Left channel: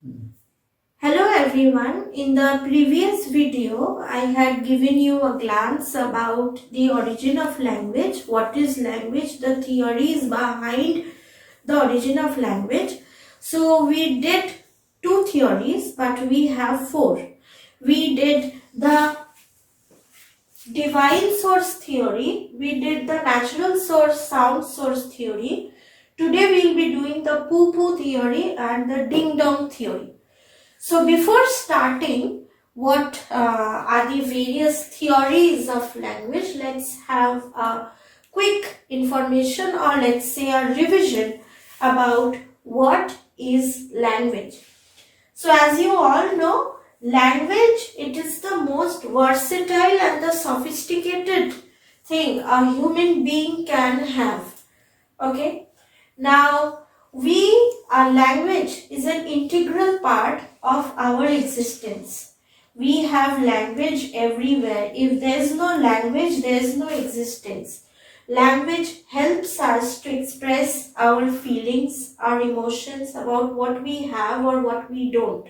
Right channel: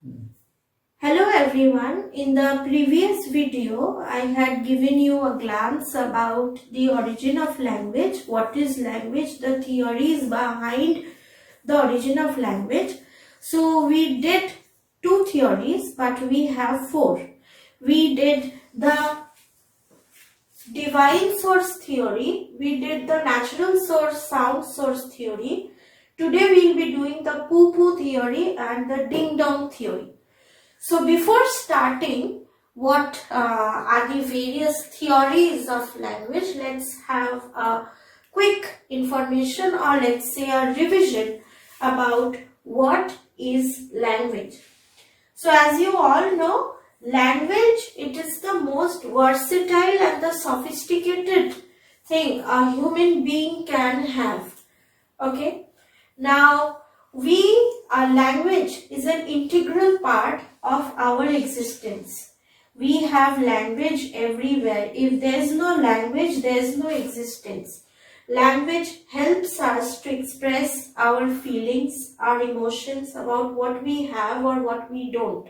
Hello everyone. In the previous video, I had given you a glance about the origin of language. What is language? The theories behind the origin of language. So we did two theories, but we have four. We did the divine source theory. We did the natural source sound source theory. Today we will be doing the Pupu theory and the Dingdong theory. So before starting, what are the various theories of language? Let's have a quick information, or let's say a revision about what is language. So as you all know, language, it is the most versatile and the sophisticated thing a human being can have. Okay. Now, our language is an integral part of our existence. We have language everywhere. If there is no language, there is no existence. Language helps us to express our feelings, our emotions about what we have or what we don't.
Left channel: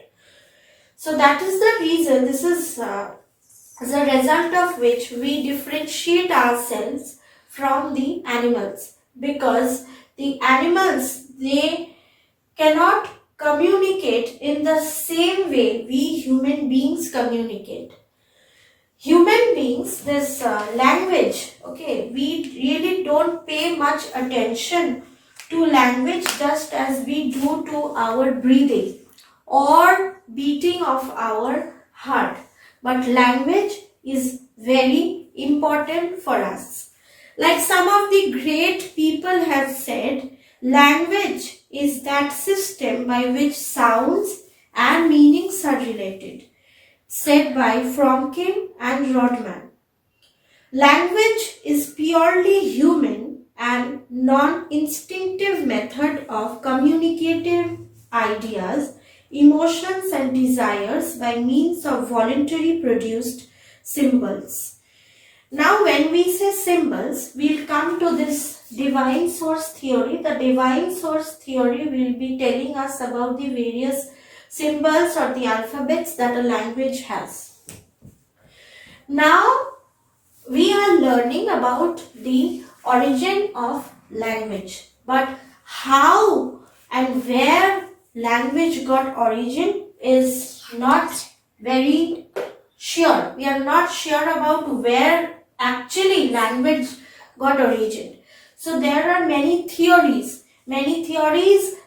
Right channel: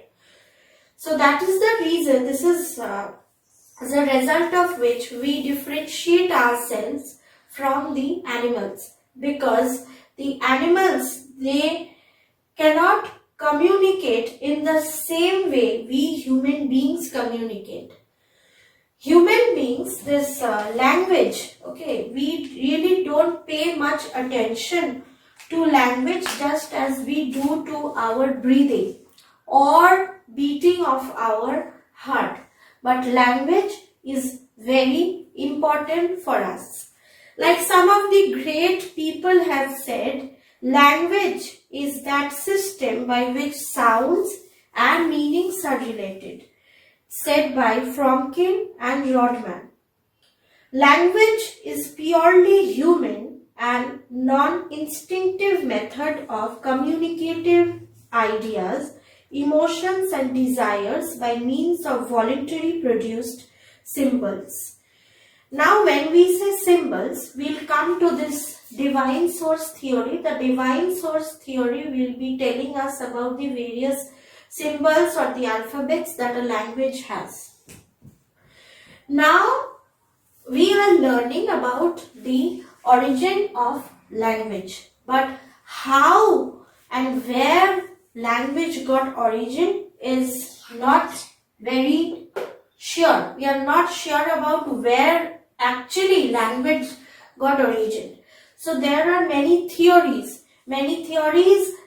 So that is the reason, this is as a result of which we differentiate ourselves from the animals, because the animals, they cannot communicate in the same way we human beings communicate. Human beings, this language, okay, we really don't pay much attention to language just as we do to our breathing or beating of our heart. But language is very important for us. Like some of the great people have said, language is that system by which sounds and meanings are related, said by Fromkin and Rodman. Language is purely human and non-instinctive method of communicative ideas, emotions and desires by means of voluntary produced symbols. Now when we say symbols, we'll come to this divine source theory. The divine source theory will be telling us about the various symbols or the alphabets that a language has. Now we are learning about the origin of language. But how and where language got origin is not very sure. We are not sure about where actually language got origin. So there are many theories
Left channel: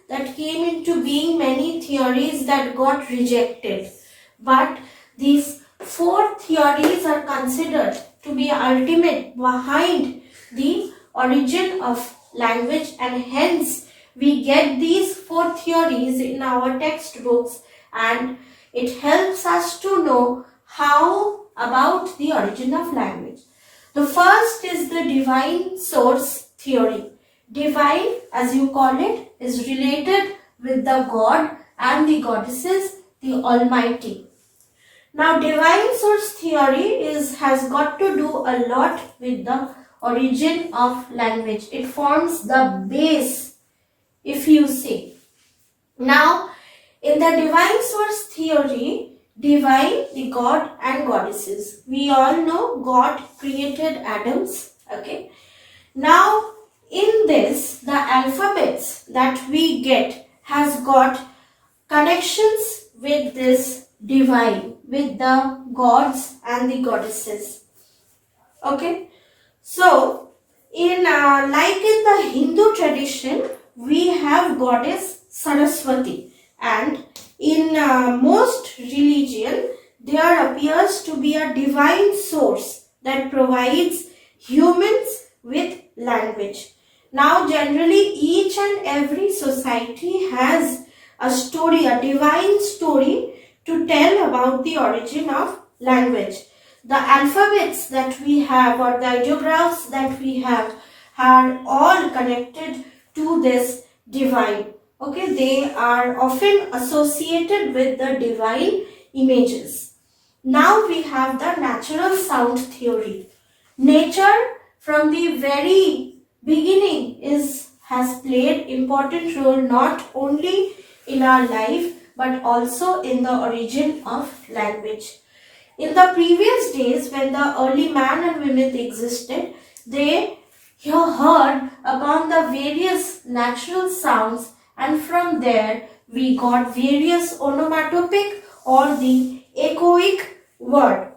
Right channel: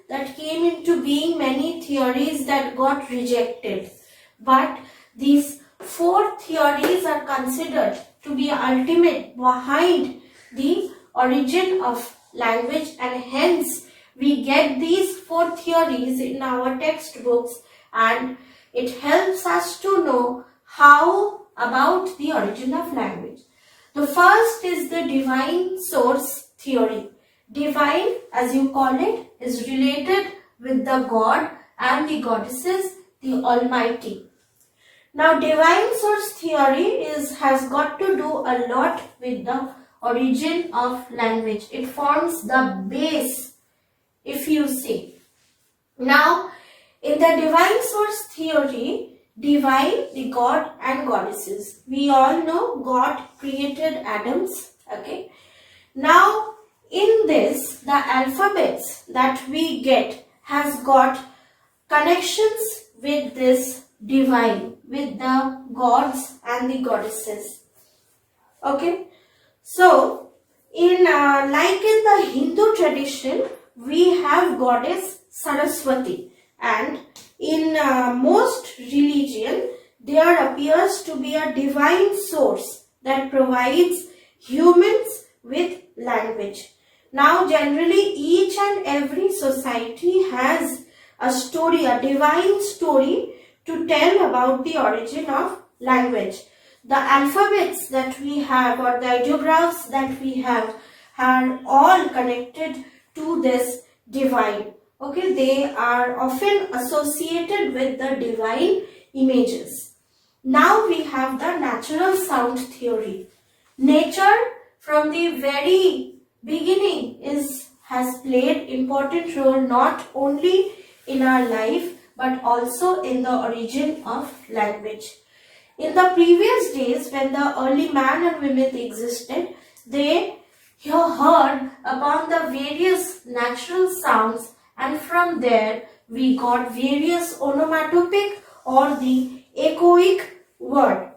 that came into being, many theories that got rejected. But these four theories are considered to be ultimate behind the origin of language, and hence we get these four theories in our textbooks, and it helps us to know how about the origin of language. The first is the divine source theory. Divine, as you call it, is related with the God and the goddesses, the Almighty. Now, divine source theory has got to do a lot with the origin of language. It forms the base, if you say. Now, in the divine source theory, divine, the God and goddesses. We all know God created atoms. Okay. Now, in this, the alphabets that we get has got connections with this divine, with the gods and the goddesses. Okay. So, in like in the Hindu tradition, we have goddess Saraswati, and in most religion, there appears to be a divine source that provides humans with language. Now, generally, each and every society has a story, a divine story to tell about the origin of language. The alphabets that we have, or the ideographs that we have, are all connected to this divine. Okay, they are often associated with the divine images. Now we have the natural sound theory. Nature from the very beginning has played important role not only in our life but also in the origin of language. In the previous days, when the early man and women existed, they heard upon the various natural sounds, and from there we got various onomatopic or the echoic word.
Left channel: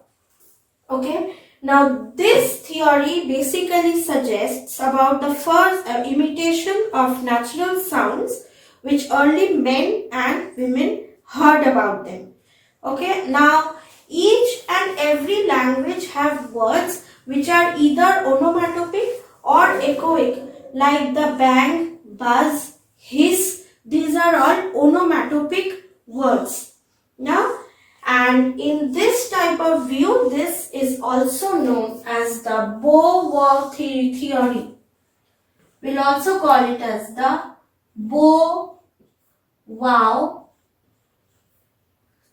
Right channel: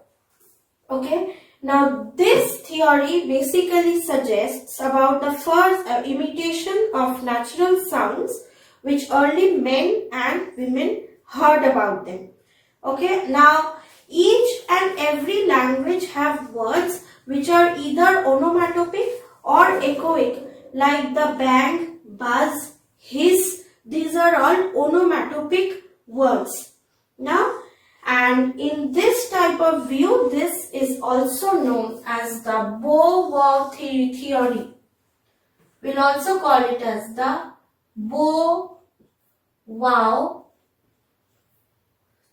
Okay. Now this theory basically suggests about the first imitation of natural sounds which early men and women heard about them. Okay. Now each and every language have words which are either onomatopic or echoic, like the bang, buzz, hiss. These are all onomatopic words. Now, and in this type of view, this is also known as the bow-wow theory. We'll also call it as the bow-wow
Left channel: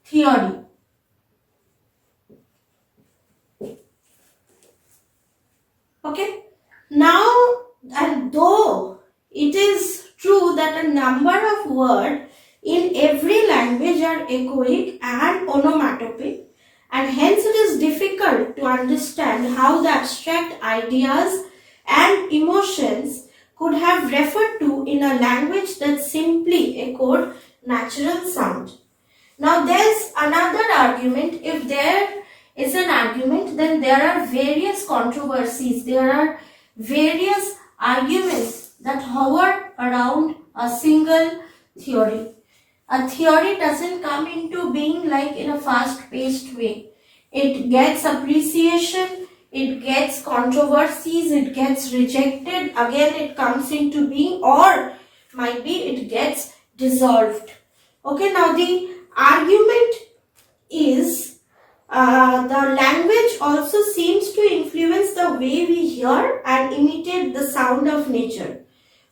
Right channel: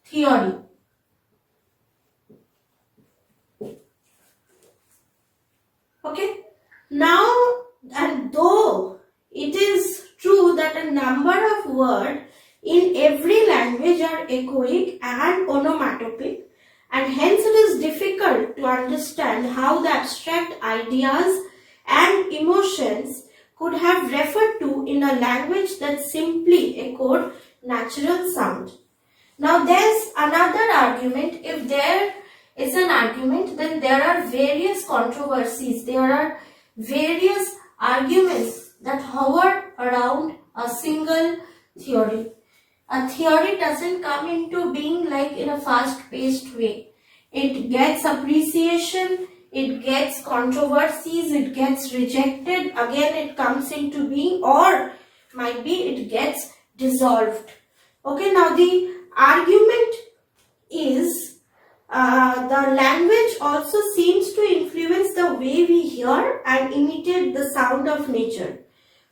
theory. Okay. Now, and though it is true that a number of words in every language are echoic and onomatopic, and hence it is difficult to understand how the abstract ideas and emotions could have referred to in a language that simply echoed natural sound. Now there's another argument. If there is an argument, then there are various controversies. There are various arguments that hover around a single theory. A theory doesn't come into being like in a fast-paced way. It gets appreciation, it gets controversies, it gets rejected, again it comes into being, or might be it gets dissolved. Okay, now the argument is the language also seems to influence the way we hear and imitate the sound of nature.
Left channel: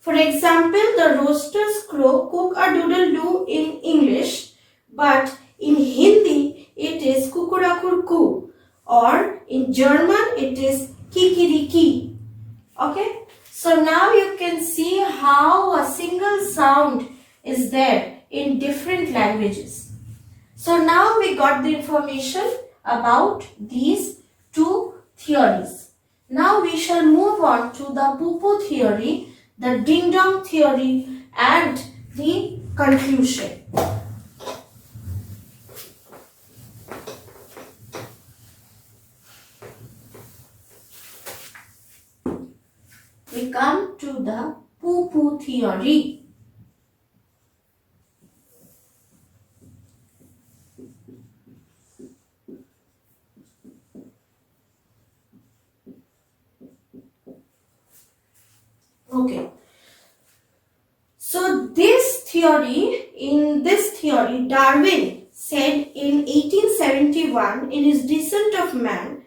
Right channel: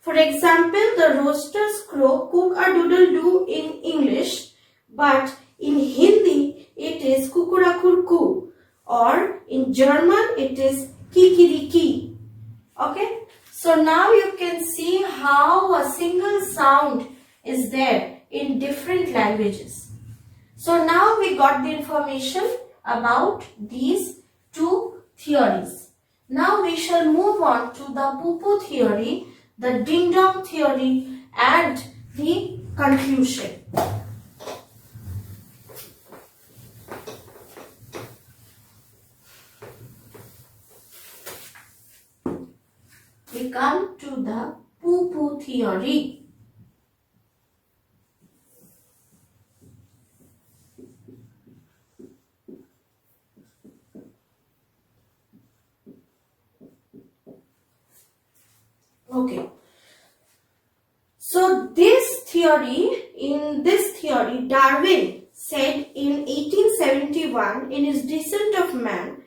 For example, the roosters crow cook-a-doodle-doo in English, but in Hindi it is kukurakurku, or in German it is kikiriki. Okay, so now you can see how a single sound is there in different languages. So now we got the information about these two theories. Now we shall move on to the Pupu theory, the Dingdong theory, and the conclusion. We come to the Pupu theory. Okay. So in this theory, Darwin said in 1871 in his Descent of Man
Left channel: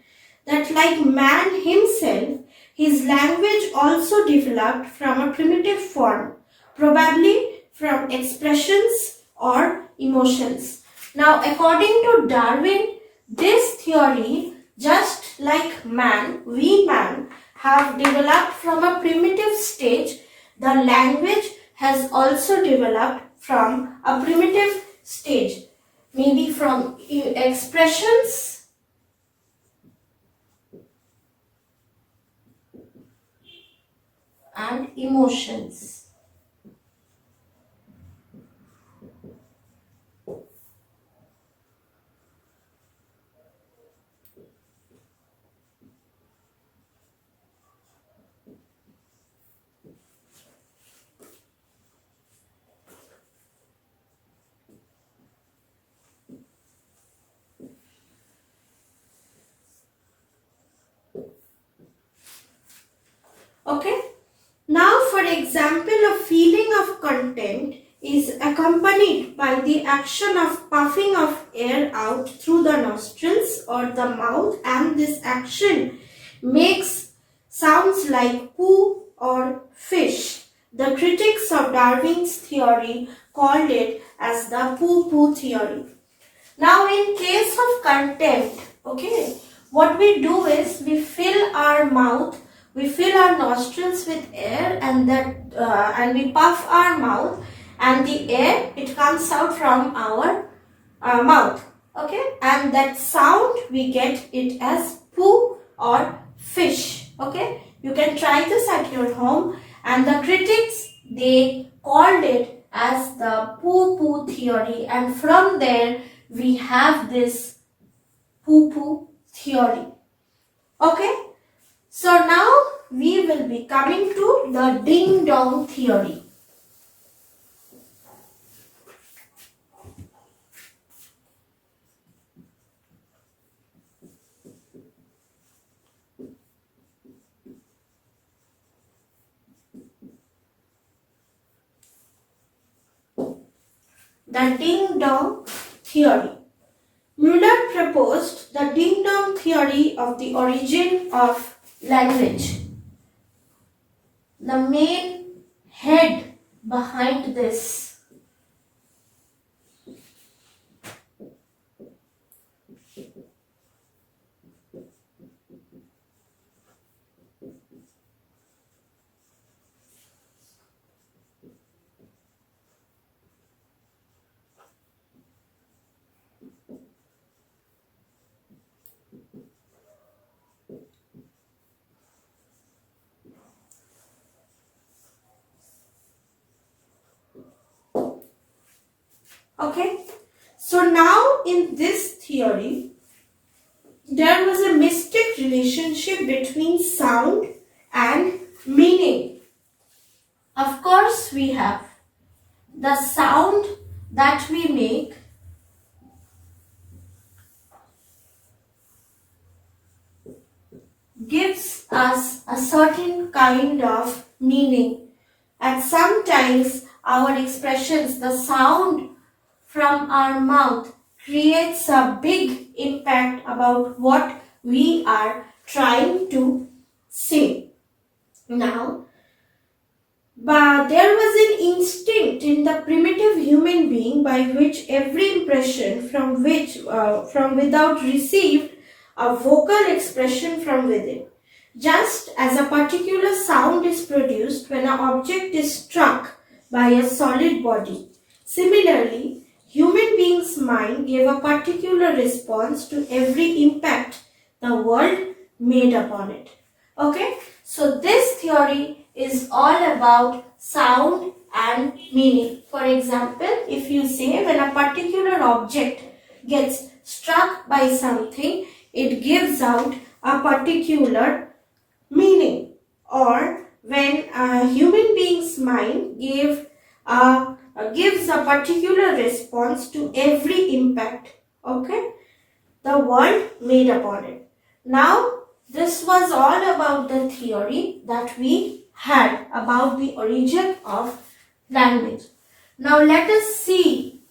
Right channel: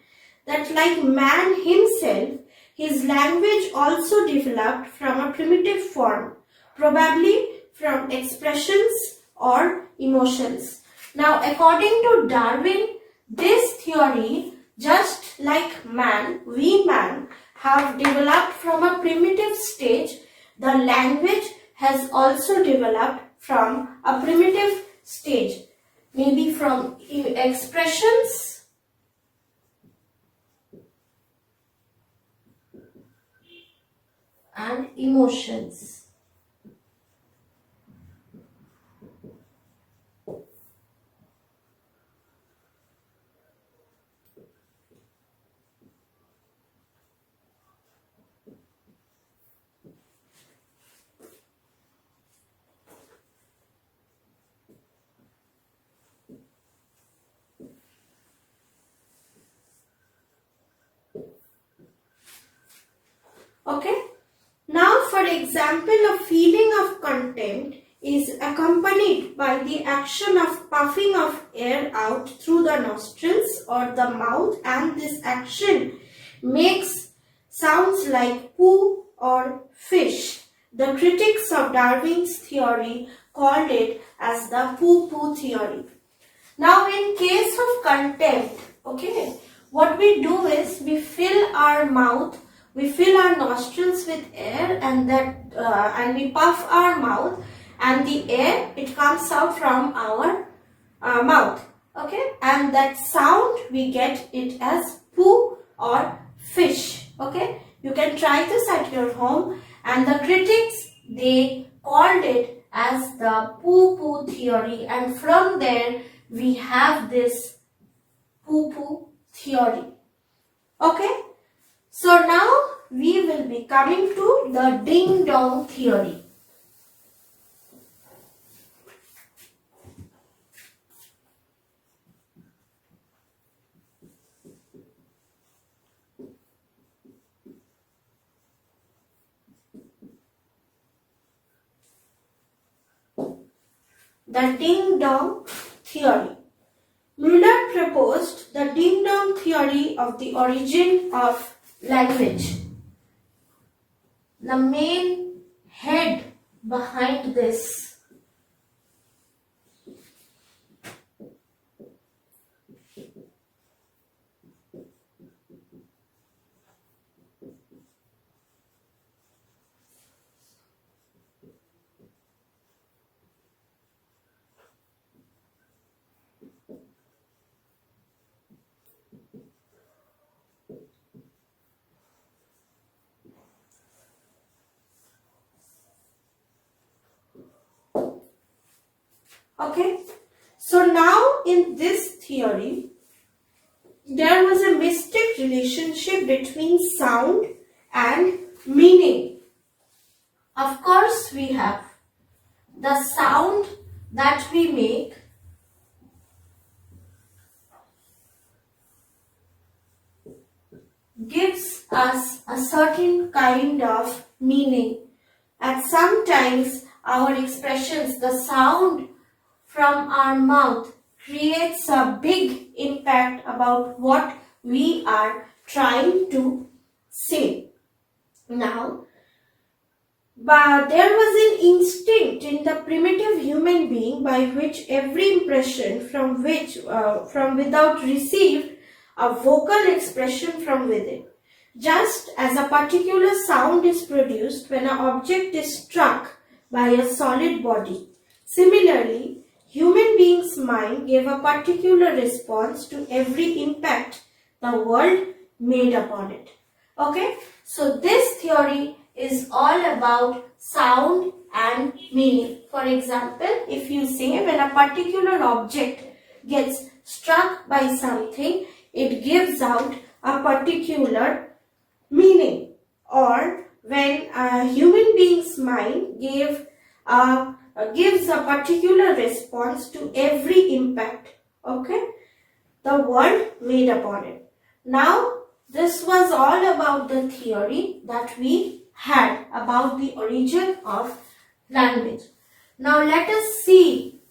that like man himself, his language also developed from a primitive form, probably from expressions or emotions. Now, according to Darwin, this theory, just like man, we man, have developed from a primitive stage, the language has also developed from a primitive stage, maybe from expressions and emotions. Okay. Now, for example, a feeling of contempt is accompanied by the action of puffing of air out through the nostrils or the mouth, and this action makes sounds like poo or fish. The critics of Darwin's theory called it as the poo-poo theory. Now, in case of contempt, okay, what we do is we fill our mouth, we fill our nostrils with air, and we puff our mouth, and the air, it comes out from our mouth. Okay, and that sound we get it as poo or fish. Okay, you can try this at your home, and the critics, they called it as the poo theory, and from there we have this poo theory. Okay, so now we will be coming to the ding-dong theory. The ding-dong theory. Muller proposed the ding-dong theory of the origin of language. The main head behind this okay. So now in this theory, there was a mystic relationship between sound and meaning. Of course, we have the sound that we make gives us a certain kind of meaning. And sometimes our expressions, the sound from our mouth creates a big impact about what we are trying to say. Now, but there was an instinct in the primitive human being by which every impression from without received a vocal expression from within. Just as a particular sound is produced when an object is struck by a solid body. Similarly, human being's mind gave a particular response to every impact the world made upon it. Okay, so this theory is all about sound and meaning. For example, if you say when a particular object gets struck by something, it gives out a particular meaning. Or when a human being's mind gives a particular response to every impact, okay, the world made upon it. Now, this was all about the theory that we had about the origin of language. Now, let us see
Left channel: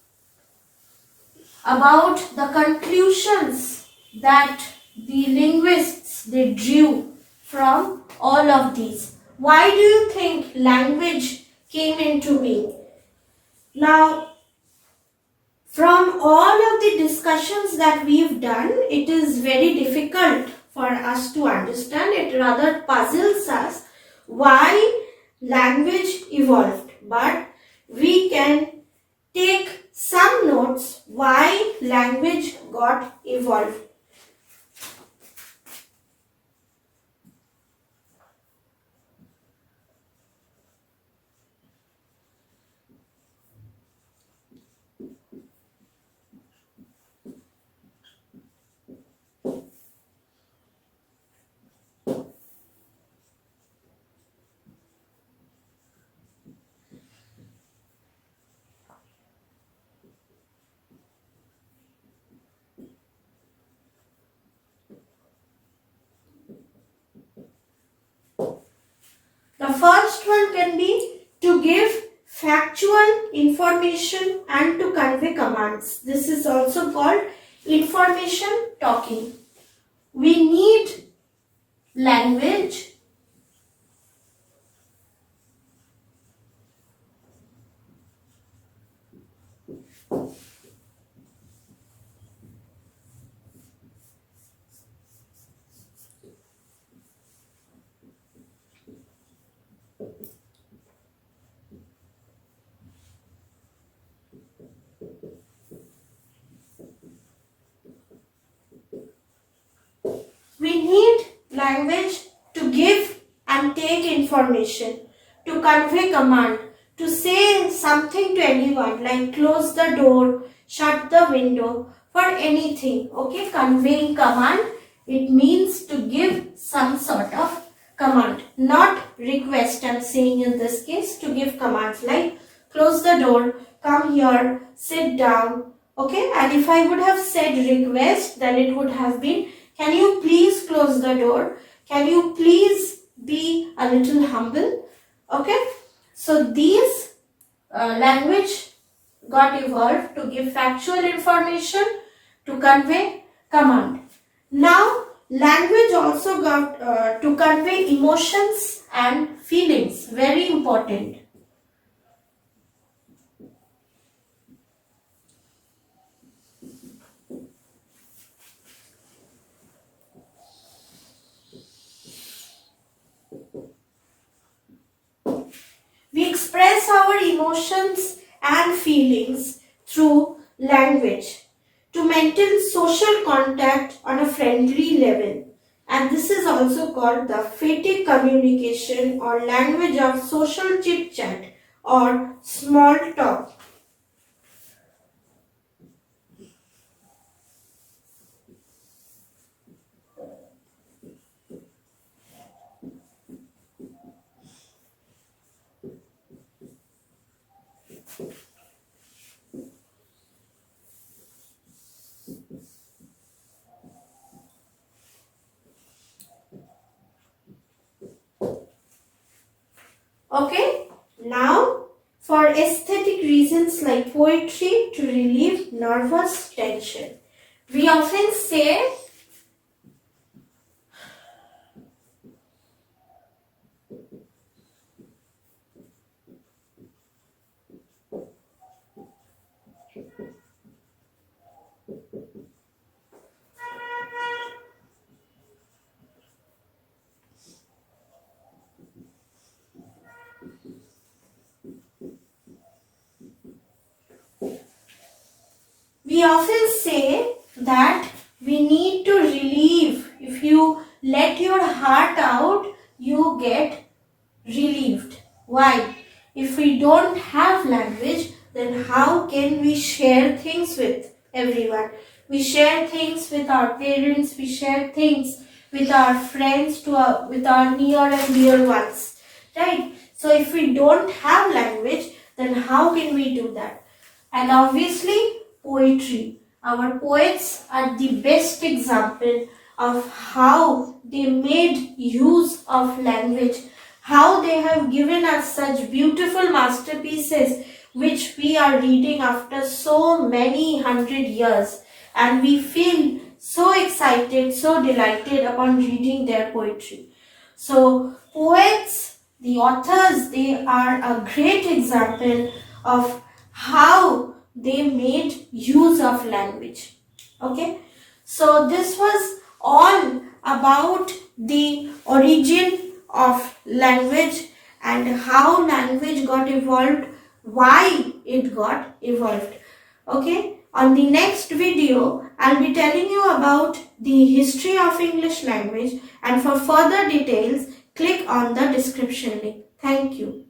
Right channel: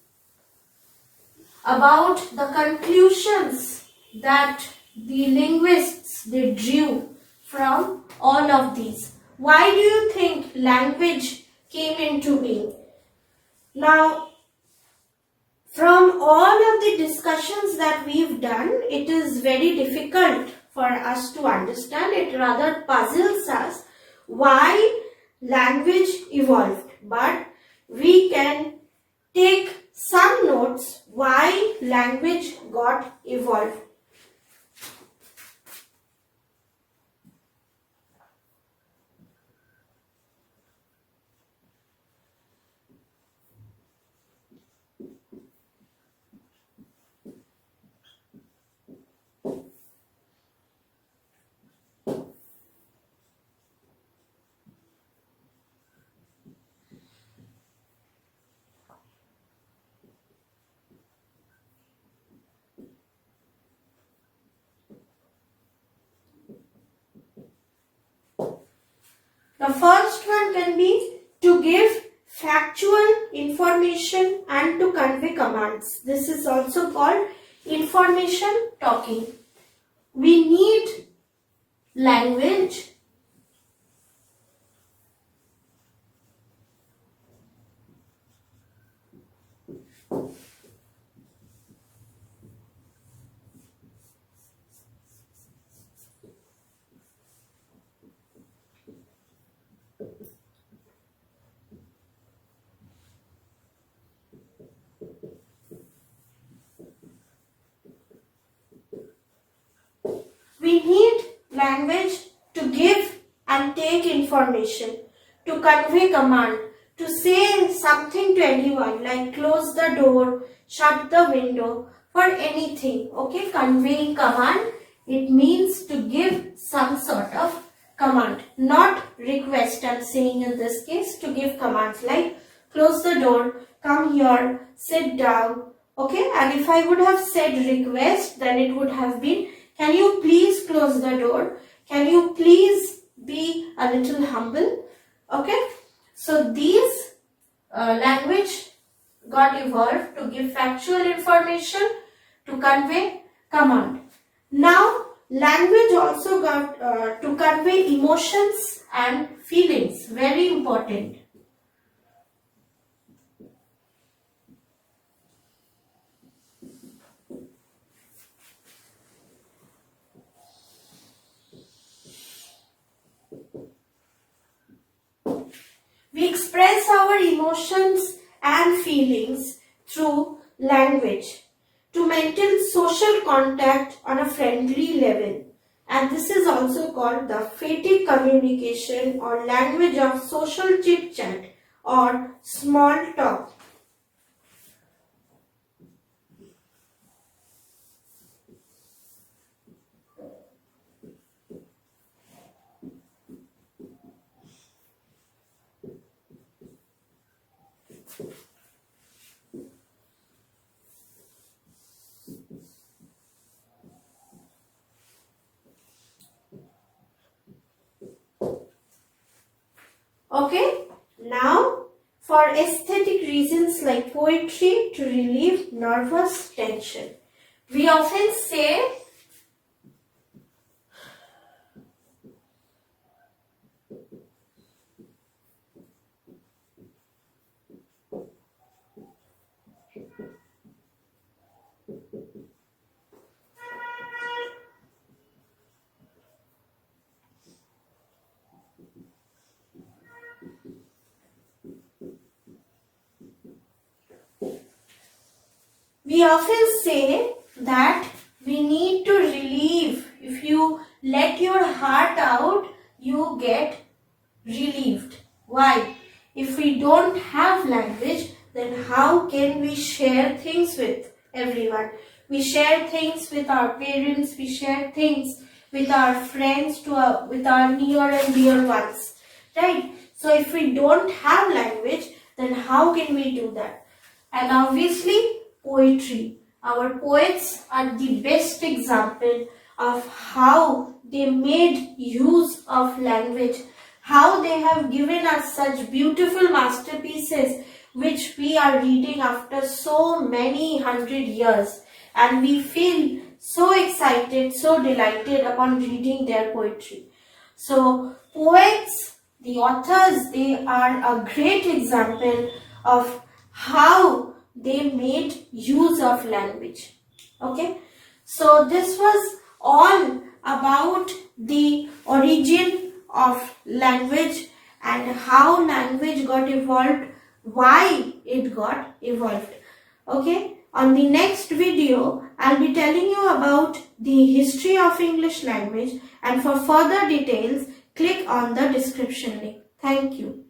about the conclusions that the linguists they drew from all of these. Why do you think language came into being? Now, from all of the discussions that we've done, it is very difficult for us to understand. It rather puzzles us why language evolved. But we can take some notes why language got evolved. The first one can be to give factual information and to convey commands. This is also called information talking. We need language Language to give and take information, to convey command, to say something to anyone like close the door, shut the window, for anything. Okay, conveying command, it means to give some sort of command, not request. I'm saying in this case to give commands like close the door, come here, sit down. Okay, and if I would have said request, then it would have been, can you please close the door? Can you please be a little humble? Okay, so these language got evolved to give factual information, to convey command. Now, language also got to convey emotions and feelings. Very important. We express our emotions and feelings through language to maintain social contact on a friendly level. And this is also called the fatigue communication or language of social chit chat or small talk. Okay, now for aesthetic reasons like poetry to relieve nervous tension. We often say that we need to relieve. If you let your heart out, you get relieved. Why? If we don't have language, then how can we share things with everyone? We share things with our parents, we share things with our friends, with our near and dear ones. Right? So if we don't have language, then how can we do that? And obviously, poetry. Our poets are the best example of how they made use of language, how they have given us such beautiful masterpieces which we are reading after so many hundred years, and we feel so excited, so delighted upon reading their poetry. So poets, the authors, they are a great example of how they made use of language. Okay, so this was all about the origin of language and how language got evolved, why it got evolved. Okay, on the next video I'll be telling you about the history of English language, and for further details click on the description link. Thank you.